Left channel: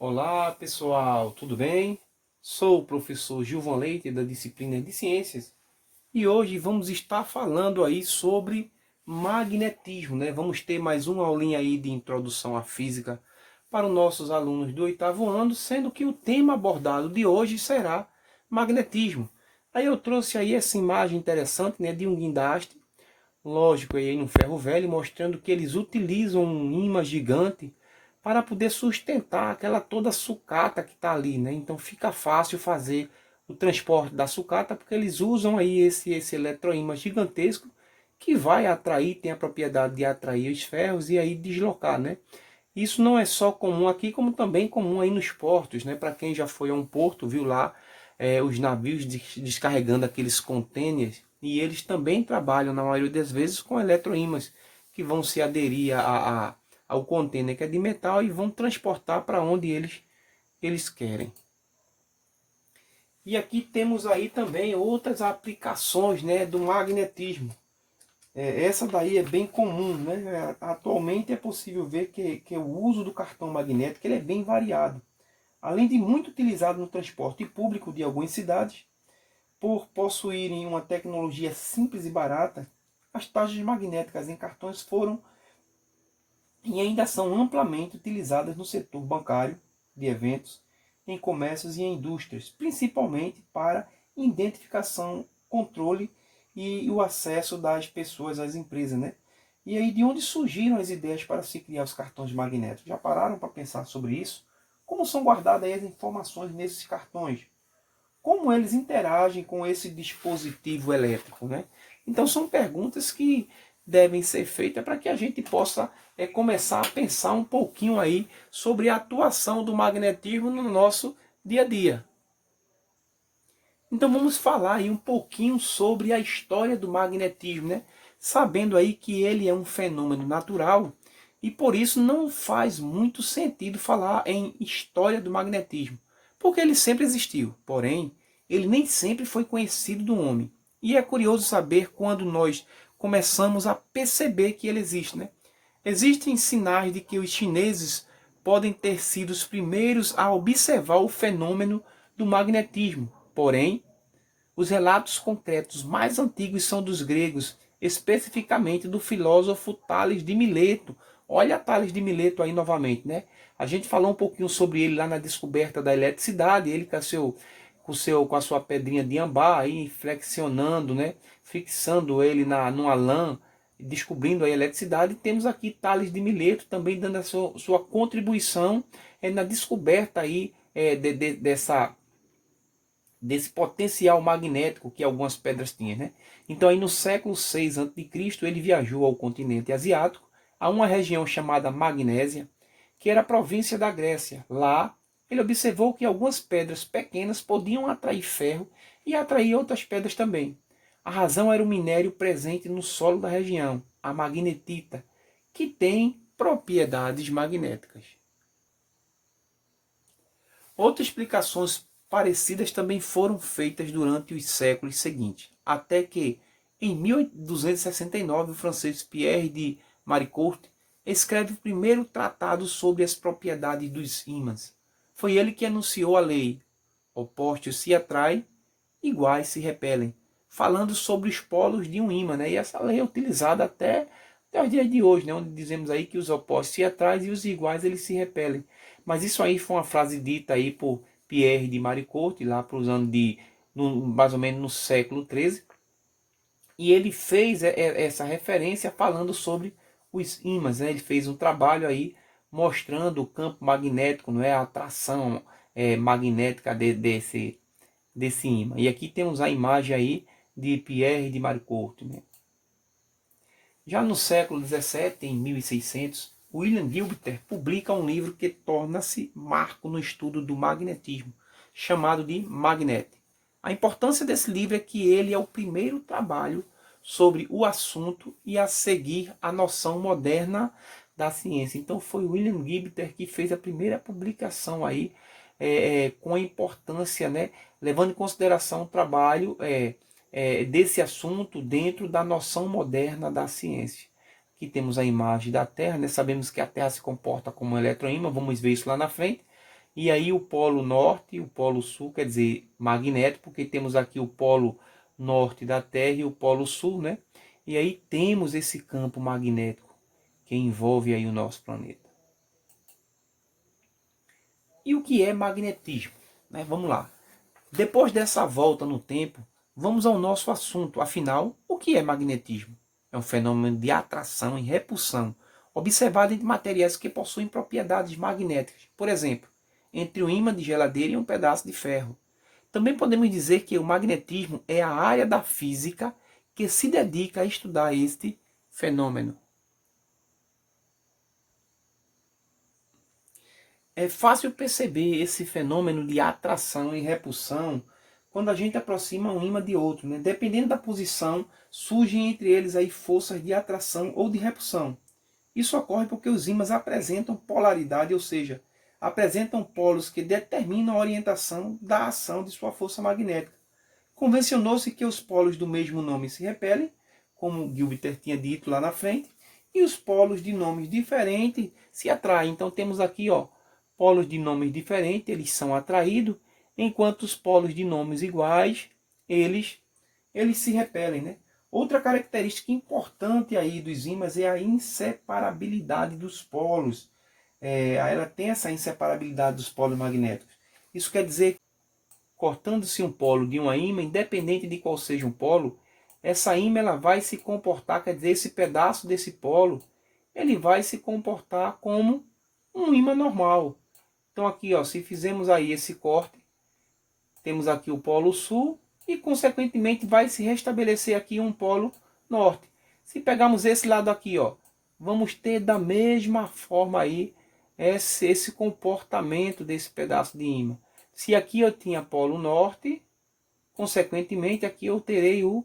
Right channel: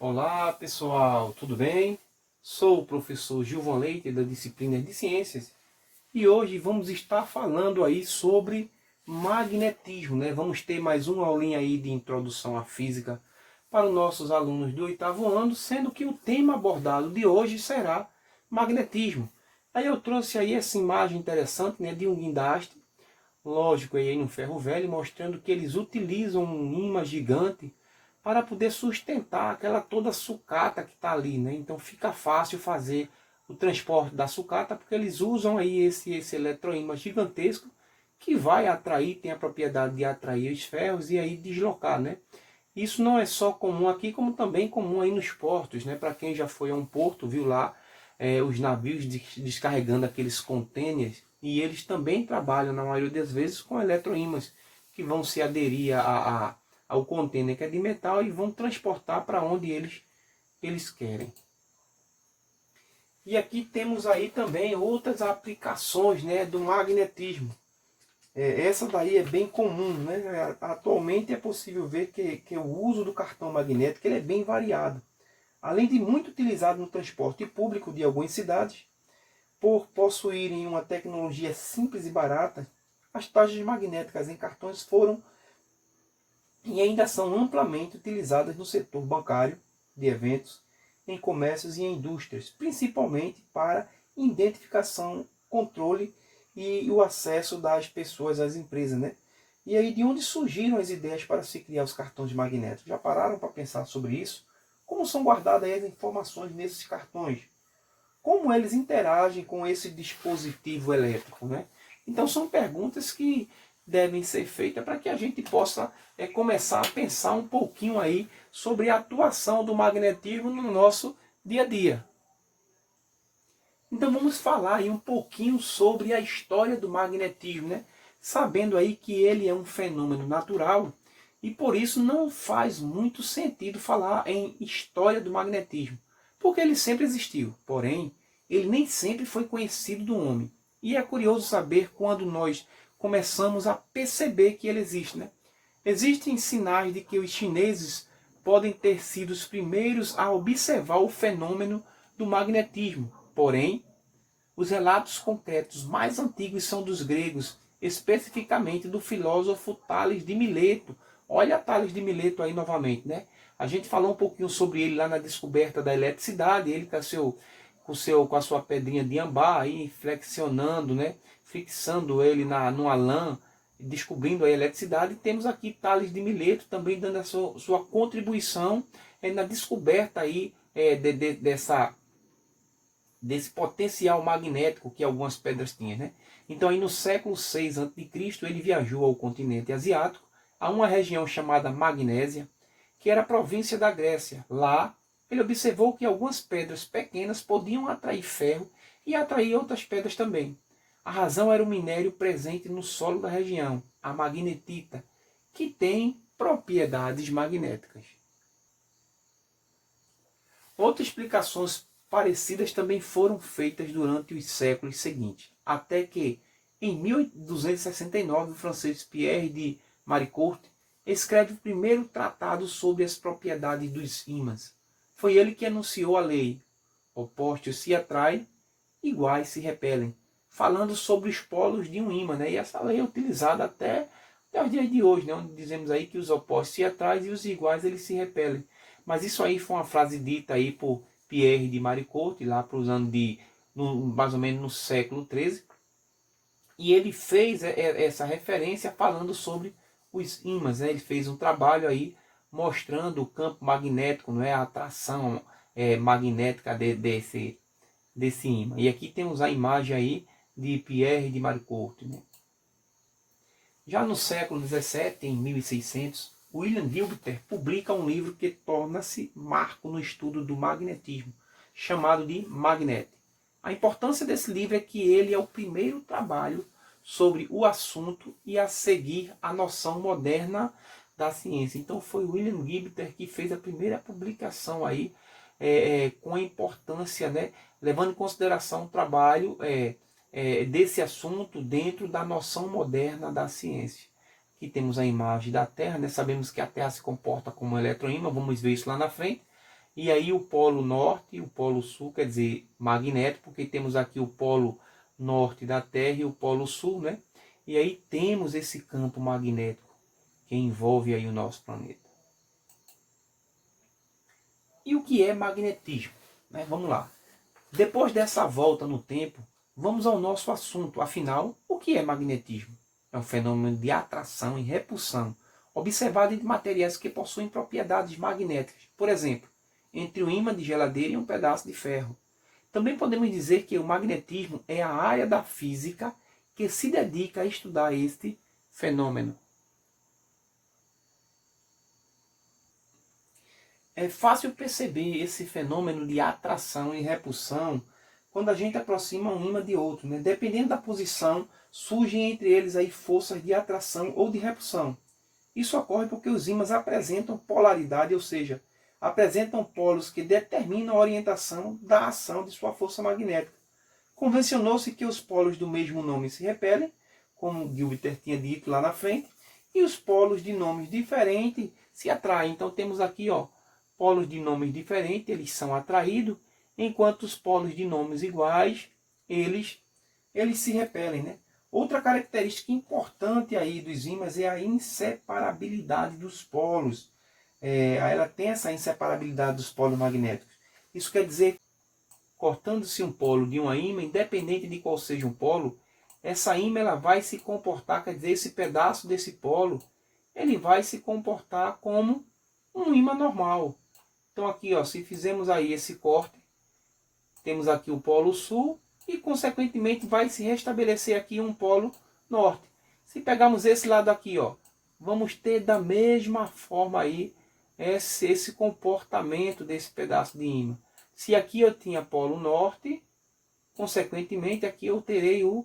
Olá pessoal, tudo bem? Sou o professor Gilvan Leite da disciplina de Ciências e hoje vamos estar falando aí sobre magnetismo, né? Vamos ter mais uma aulinha aí de introdução à física para os nossos alunos do oitavo ano, sendo que o tema abordado de hoje será magnetismo. Aí eu trouxe aí essa imagem interessante, né, de um guindaste, lógico, aí no ferro velho, mostrando que eles utilizam um imã gigante para poder sustentar aquela toda sucata que está ali, né? Então fica fácil fazer o transporte da sucata, porque eles usam aí esse eletroímã gigantesco que vai atrair, tem a propriedade de atrair os ferros e aí deslocar, né? Isso não é só comum aqui, como também comum aí nos portos, né? Para quem já foi a um porto, viu lá os navios descarregando aqueles contêineres, e eles também trabalham, na maioria das vezes, com eletroímãs que vão se aderir ao contêiner que é de metal e vão transportar para onde eles querem. E aqui temos aí também outras aplicações, né, do magnetismo. Essa daí é bem comum, né? Atualmente é possível ver que o uso do cartão magnético ele é bem variado. Além de muito utilizado no transporte público de algumas cidades, por possuírem uma tecnologia simples e barata, as tarjas magnéticas em cartões foram e ainda são amplamente utilizadas no setor bancário, de eventos, em comércios e em indústrias, principalmente para identificação, controle e o acesso das pessoas às empresas, né? E aí de onde surgiram as ideias para se criar os cartões magnéticos? Já pararam para pensar sobre isso? Como são guardadas as informações nesses cartões? Como eles interagem com esse dispositivo elétrico, né? Então são perguntas que devem ser feitas para que a gente possa começar a pensar um pouquinho aí sobre a atuação do magnetismo no nosso dia a dia. Então vamos falar aí um pouquinho sobre a história do magnetismo, né? Sabendo aí que ele é um fenômeno natural e por isso não faz muito sentido falar em história do magnetismo, porque ele sempre existiu, porém ele nem sempre foi conhecido do homem. E é curioso saber quando nós começamos a perceber que ele existe, né? Existem sinais de que os chineses podem ter sido os primeiros a observar o fenômeno do magnetismo, porém os relatos concretos mais antigos são dos gregos, especificamente do filósofo Tales de Mileto. Olha Tales de Mileto aí novamente, né? A gente falou um pouquinho sobre ele lá na descoberta da eletricidade, ele com a sua pedrinha de ambá aí flexionando, né? Fixando ele numa lã, descobrindo a eletricidade. E temos aqui Tales de Mileto também dando a sua contribuição na descoberta aí desse potencial magnético que algumas pedras tinham, né? Então aí no século 6 a.C. ele viajou ao continente asiático, a uma região chamada Magnésia, que era a província da Grécia. Lá ele observou que algumas pedras pequenas podiam atrair ferro e atrair outras pedras também. A razão era o minério presente no solo da região, a magnetita, que tem propriedades magnéticas. Outras explicações parecidas também foram feitas durante os séculos seguintes, até que, em 1269, o francês Pierre de Maricourt escreve o primeiro tratado sobre as propriedades dos ímãs. Foi ele que anunciou a lei: opostos se atraem, iguais se repelem, falando sobre os polos de um ímã, né? E essa lei é utilizada até os dias de hoje, né? Onde dizemos aí que os opostos se atraem e os iguais eles se repelem. Mas isso aí foi uma frase dita aí por Pierre de Maricourt, lá para os anos mais ou menos no século XIII. E ele fez essa referência falando sobre os ímãs, né? Ele fez um trabalho aí mostrando o campo magnético, não é? A atração magnética desse ímã. E aqui temos a imagem aí de Pierre de Maricourt, né? Já no século XVII, em 1600, William Gilbert publica um livro que torna-se marco no estudo do magnetismo, chamado de Magnet. A importância desse livro é que ele é o primeiro trabalho sobre o assunto e a seguir a noção moderna da ciência. Então foi William Gilbert que fez a primeira publicação aí com a importância, né, levando em consideração o trabalho desse assunto dentro da noção moderna da ciência. Aqui temos a imagem da Terra, né? Sabemos que a Terra se comporta como um eletroímã, vamos ver isso lá na frente. E aí o polo norte e o polo sul, quer dizer, magnético, porque temos aqui o polo norte da Terra e o polo sul, né? E aí temos esse campo magnético que envolve aí o nosso planeta. E o que é magnetismo? Né? Vamos lá. Depois dessa volta no tempo, vamos ao nosso assunto. Afinal, o que é magnetismo? É um fenômeno de atração e repulsão observado em materiais que possuem propriedades magnéticas. Por exemplo, entre um ímã de geladeira e um pedaço de ferro. Também podemos dizer que o magnetismo é a área da física que se dedica a estudar este fenômeno. É fácil perceber esse fenômeno de atração e repulsão quando a gente aproxima um ímã de outro, né? Dependendo da posição, surgem entre eles aí forças de atração ou de repulsão. Isso ocorre porque os ímãs apresentam polaridade, ou seja, apresentam polos que determinam a orientação da ação de sua força magnética. Convencionou-se que os polos do mesmo nome se repelem, como Gilbert tinha dito lá na frente, e os polos de nomes diferentes se atraem. Então temos aqui, ó, polos de nomes diferentes, eles são atraídos, enquanto os polos de nomes iguais, eles se repelem, né? Outra característica importante aí dos ímãs é a inseparabilidade dos polos. Ela tem essa inseparabilidade dos polos magnéticos. Isso quer dizer, cortando-se um polo de uma ímã, independente de qual seja o polo, essa ímã ela vai se comportar, quer dizer, esse pedaço desse polo, ele vai se comportar como um ímã normal. Então aqui, ó, se fizermos aí esse corte, temos aqui o polo sul e, consequentemente, vai se restabelecer aqui um polo norte. Se pegarmos esse lado aqui, ó, vamos ter da mesma forma aí esse comportamento desse pedaço de ímã. Se aqui eu tinha polo norte, consequentemente, aqui eu terei o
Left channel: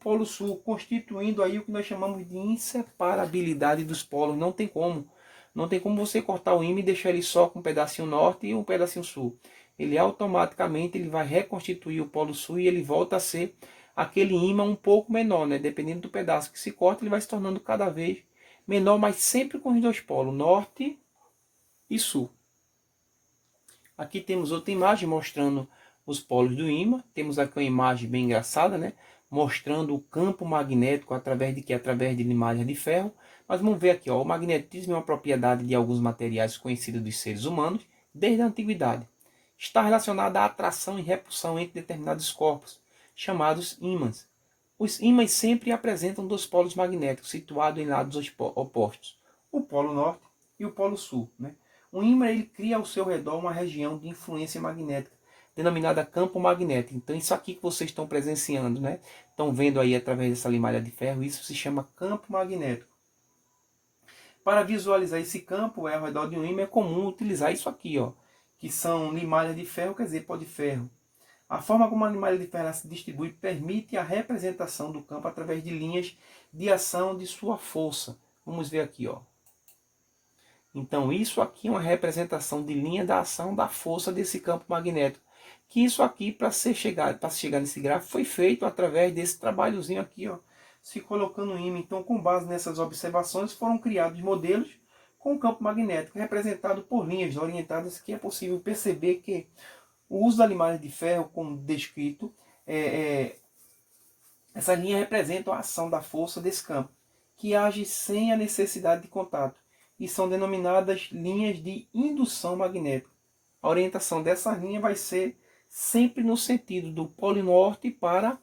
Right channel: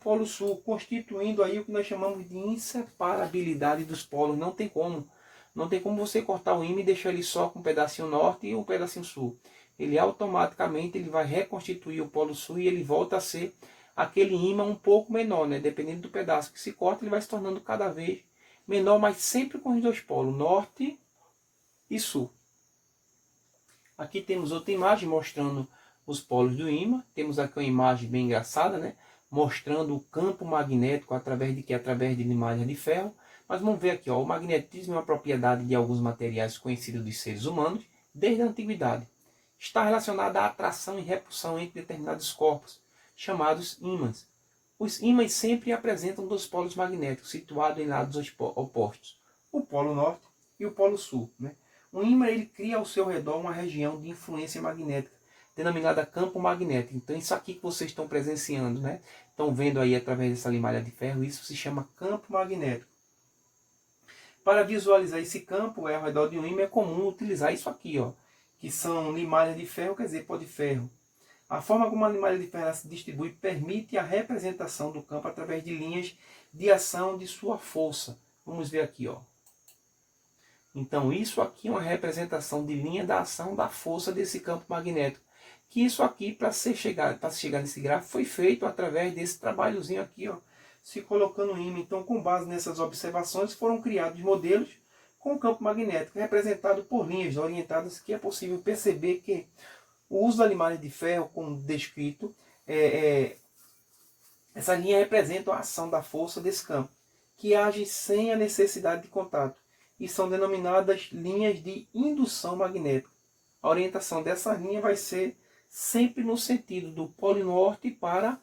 polo sul, constituindo aí o que nós chamamos de inseparabilidade dos polos. Não tem como. Não tem como você cortar o ímã e deixar ele só com um pedacinho norte e um pedacinho sul. Ele automaticamente ele vai reconstituir o polo sul e ele volta a ser aquele ímã um pouco menor, né? Dependendo do pedaço que se corta, ele vai se tornando cada vez menor, mas sempre com os dois polos, norte e sul. Aqui temos outra imagem mostrando os polos do ímã. Temos aqui uma imagem bem engraçada, né? Mostrando o campo magnético através de limalha de ferro. Mas vamos ver aqui, ó, o magnetismo é uma propriedade de alguns materiais conhecidos dos seres humanos desde a antiguidade. Está relacionada à atração e repulsão entre determinados corpos, chamados ímãs. Os ímãs sempre apresentam dois polos magnéticos situados em lados opostos, o polo norte e o polo sul, né? Um ímã ele cria ao seu redor uma região de influência magnética, denominada campo magnético. Então isso aqui que vocês estão presenciando, né? Estão vendo aí através dessa limalha de ferro, isso se chama campo magnético. Para visualizar esse campo ao redor de um ímã é comum utilizar isso aqui, ó, que são limalhas de ferro, quer dizer, pó de ferro. A forma como a limalha de ferro se distribui permite a representação do campo através de linhas de ação de sua força. Vamos ver aqui, ó. Então isso aqui é uma representação de linha da ação da força desse campo magnético. Que isso aqui, para se chegar nesse gráfico, foi feito através desse trabalhozinho aqui, ó, se colocando um ímã. Então, com base nessas observações, foram criados modelos com campo magnético representado por linhas orientadas, que é possível perceber que o uso da limalha de ferro, como descrito, essa linha representa a ação da força desse campo, que age sem a necessidade de contato, e são denominadas linhas de indução magnética. A orientação dessa linha vai ser sempre no sentido do polo norte para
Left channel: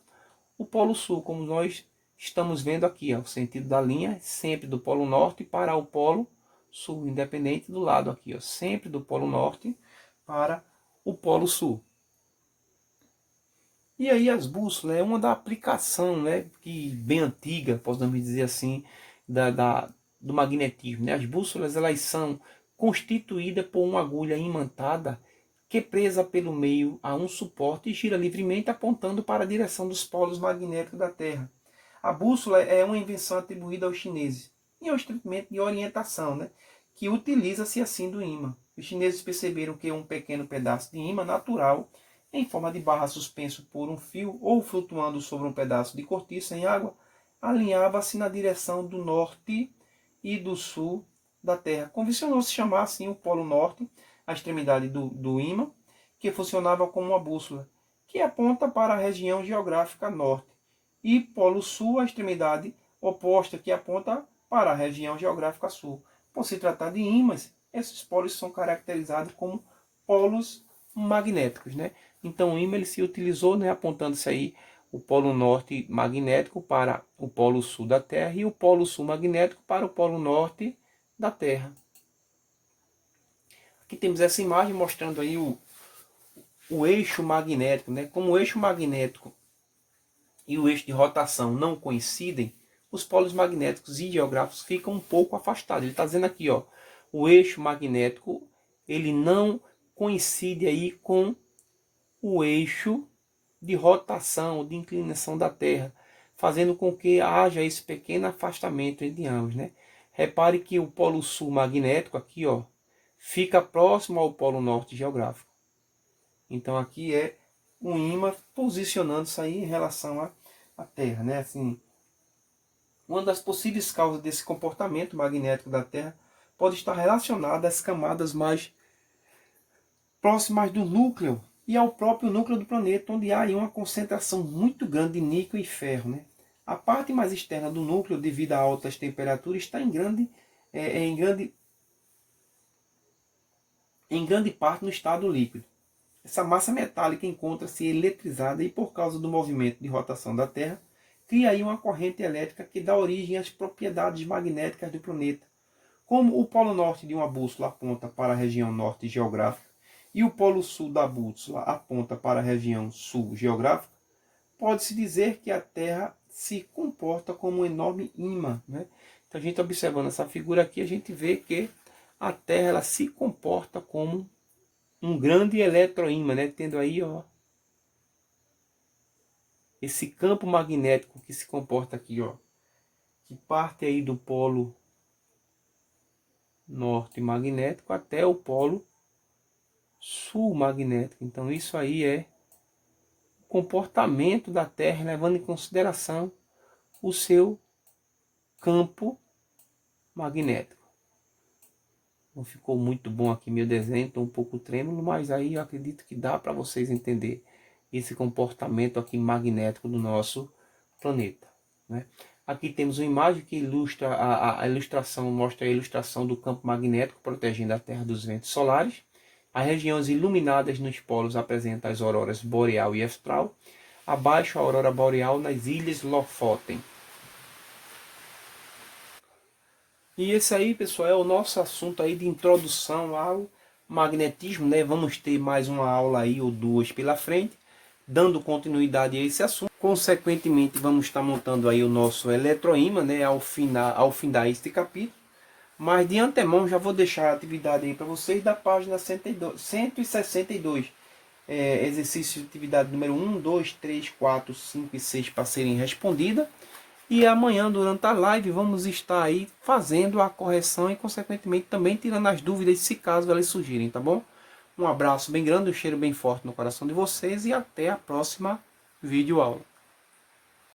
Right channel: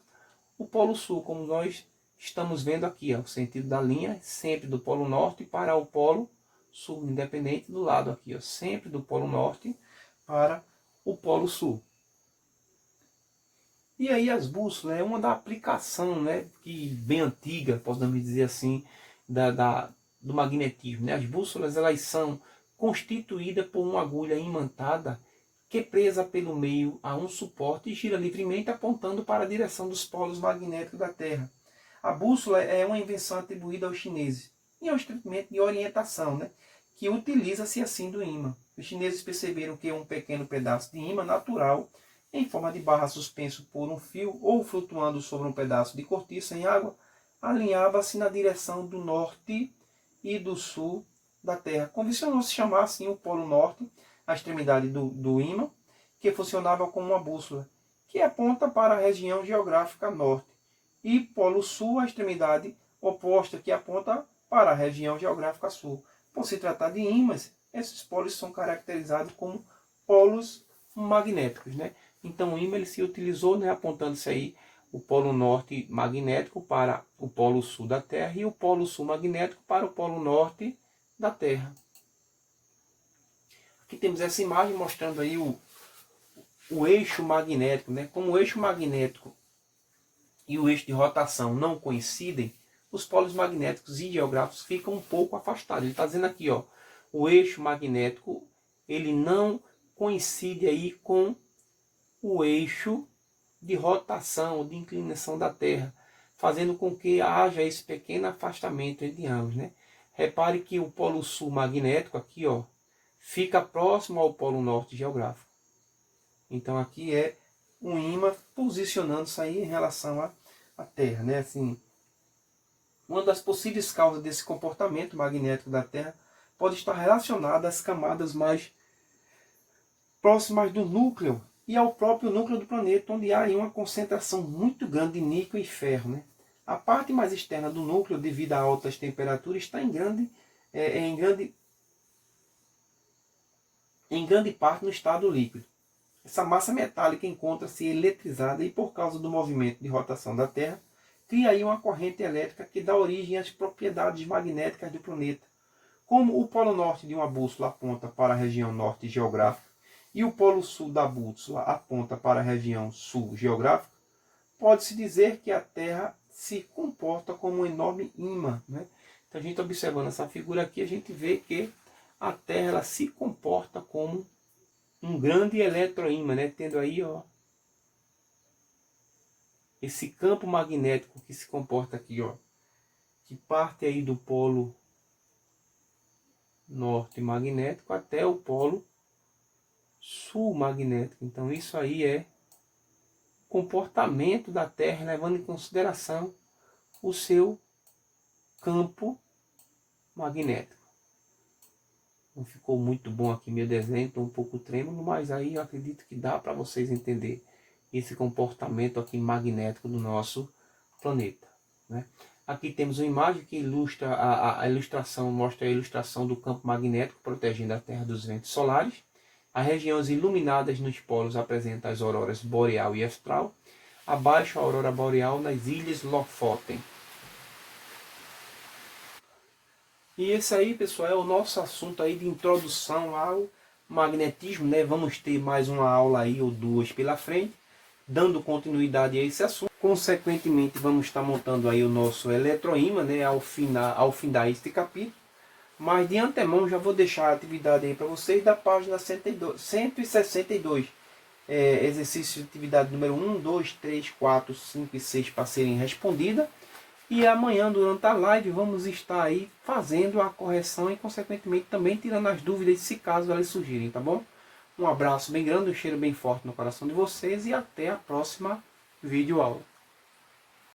o polo sul, como nós estamos vendo aqui, ó, o sentido da linha sempre do polo norte para o polo sul, independente do lado aqui, ó, sempre do polo norte para o polo sul. E aí as bússolas é uma da aplicação, né, que bem antiga, podemos dizer assim, do magnetismo, né? As bússolas elas são constituídas por uma agulha imantada que, presa pelo meio a um suporte, gira livremente apontando para a direção dos polos magnéticos da Terra. A bússola é uma invenção atribuída aos chineses e é um instrumento de orientação, né, que utiliza-se assim do ímã. Os chineses perceberam que um pequeno pedaço de ímã natural, em forma de barra suspenso por um fio ou flutuando sobre um pedaço de cortiça em água, alinhava-se na direção do norte e do sul da Terra. Convencionou-se chamar assim o Polo Norte a extremidade do ímã, que funcionava como uma bússola, que aponta para a região geográfica norte, e polo sul, a extremidade oposta, que aponta para a região geográfica sul. Por se tratar de ímãs, esses polos são caracterizados como polos magnéticos, né? Então o ímã ele se utilizou, né, apontando-se aí o polo norte magnético para o polo sul da Terra e o polo sul magnético para o polo norte da Terra. Aqui temos essa imagem mostrando aí o eixo magnético, né? Como o eixo magnético e o eixo de rotação não coincidem, os polos magnéticos e geográficos ficam um pouco afastados. Ele está dizendo aqui, ó, o eixo magnético ele não coincide aí com o eixo de rotação, de inclinação da Terra, fazendo com que haja esse pequeno afastamento entre ambos, né? Repare que o polo sul magnético aqui, ó, fica próximo ao polo norte geográfico. Então aqui é um ímã posicionando-se aí em relação à Terra, né? Assim, uma das possíveis causas desse comportamento magnético da Terra pode estar relacionada às camadas mais próximas do núcleo e ao próprio núcleo do planeta, onde há aí uma concentração muito grande de níquel e ferro, né? A parte mais externa do núcleo, devido a altas temperaturas, está em grande parte no estado líquido. Essa massa metálica encontra-se eletrizada e, por causa do movimento de rotação da Terra, cria aí uma corrente elétrica que dá origem às propriedades magnéticas do planeta. Como o polo norte de uma bússola aponta para a região norte geográfica e o polo sul da bússola aponta para a região sul geográfica, pode-se dizer que a Terra se comporta como um enorme ímã, né? Então, a gente observando essa figura aqui, a gente vê que a Terra ela se comporta como um grande eletroímã, né? Tendo aí, ó, esse campo magnético que se comporta aqui, ó, que parte aí do polo norte magnético até o polo sul magnético. Então isso aí é o comportamento da Terra, levando em consideração o seu campo magnético. Não ficou muito bom aqui meu desenho, estou um pouco trêmulo, mas aí eu acredito que dá para vocês entender esse comportamento aqui magnético do nosso planeta, né? Aqui temos uma imagem que ilustra a ilustração, mostra a ilustração do campo magnético protegendo a Terra dos ventos solares. As regiões iluminadas nos polos apresentam as auroras boreal e austral. Abaixo a aurora boreal nas ilhas Lofoten. E esse aí, pessoal, é o nosso assunto aí de introdução ao magnetismo, né? Vamos ter mais uma aula aí ou duas pela frente, dando continuidade a esse assunto. Consequentemente, vamos estar montando aí o nosso eletroímã, né? Ao findar este capítulo. Mas de antemão já vou deixar a atividade aí para vocês da página 162. Exercício de atividade número 1, 2, 3, 4, 5 e 6 para serem respondidas. E amanhã, durante a live, vamos estar aí fazendo a correção e, consequentemente, também tirando as dúvidas, se caso elas surgirem, tá bom? Um abraço bem grande, um cheiro bem forte no coração de vocês e até a próxima videoaula.